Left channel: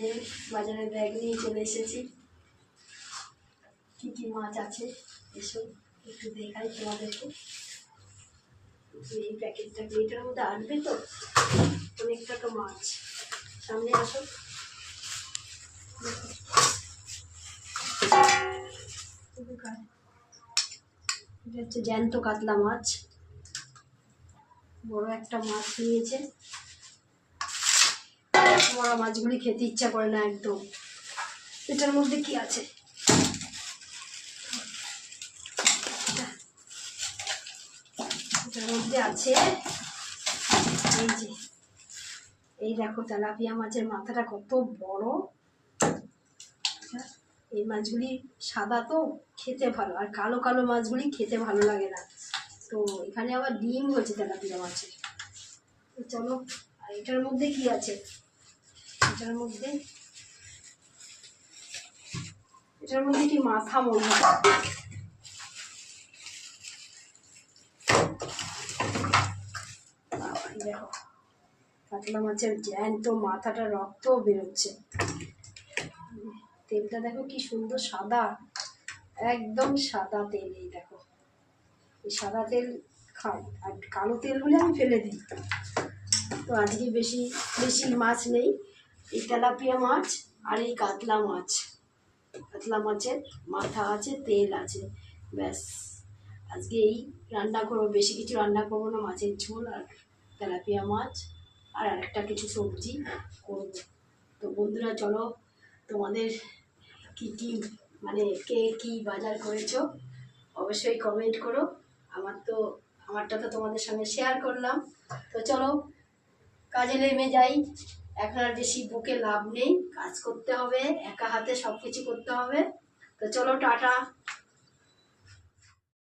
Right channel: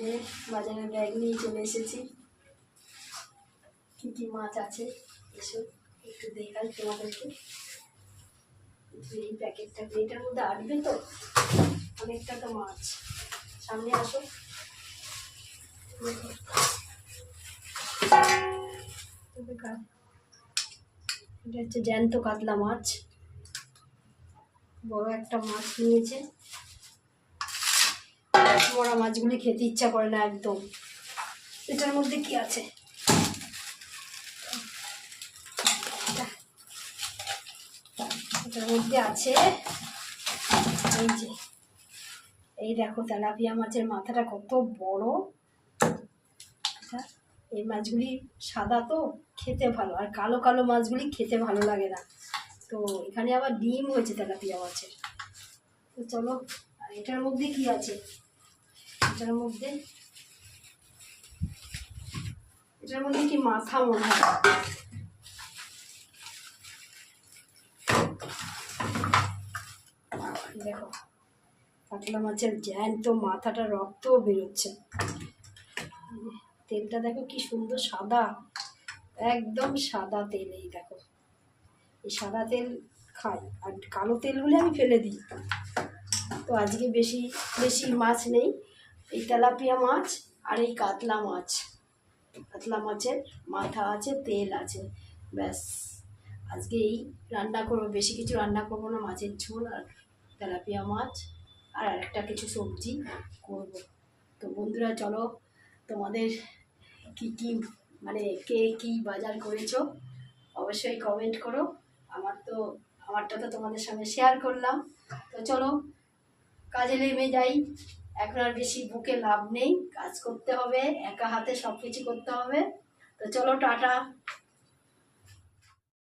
যে বাজারে ব্যাগ নিয়ে চলে এসেছি, কি কি মাছ আছে এসো একটু দেখাই তোমাদেরকে। এই প্যাকেটটা এটার মধ্যে আটবে তো, অনেকটা তো মাছ। সামনে আসো, এটা হচ্ছে জ্যান্ত কাতলা মাছ, বড় একটা মাছ নিয়েছে। বড় মাছগুলি খেতে ইচ্ছা করে না একদম। এটার মধ্যে কি আছে? এটার মধ্যে আছে এই যে, এই দেখো তেলাপিয়া মাছের মাথাটা কত বড়। এই মাছগুলি সাদা তো খেতে ভালো, আর কালো কালো মাছগুলি খেতে ভালো লাগে না। তো এখানে আবার ডিম হয়েছে তেলাপিয়া মাছের। তো চলো, আর এটার মধ্যে কি আছে? এটার মধ্যে কি মাথা মনে হয়। দেখো কাতলা মাছের জ্যান্ত মাথাটা, রক্ত বেরোচ্ছে। তেলটা দেখো কি সুন্দর সাদা, একদম সাদা তেল। এই দেখো, এই সাদা তেল খাই, আর কালো তেলগুলো আমি ফেলে দিই। তো আজকে বেশি বেশি মাছ নেই, এই তেলাপিয়া মাছ আর এই কাতলা মাছ। কাতলা মাছের মাথা আছে, তেল আছে, ব্যাস। আজকে এই রান্না করবো, বেশি কিছু রান্না করবো না, মাছের ঝোল আর তেলাপিয়া মাছ আর একটা কিছু সবজি করব। তো বন্ধুরা চলো, তোমাদের কি কি মানে কে কি বাজার করেছো অবশ্যই কমেন্ট করো। আমারটা তো তোমাদের সঙ্গে শেয়ার করলাম। তো চলো কাজে নেমে যাই, এখন আর বেশি বুকে লাভ নেই, কাজ করতে হবে, একা হাতে সব কিছু করতে হবে। তো চলো টাটা।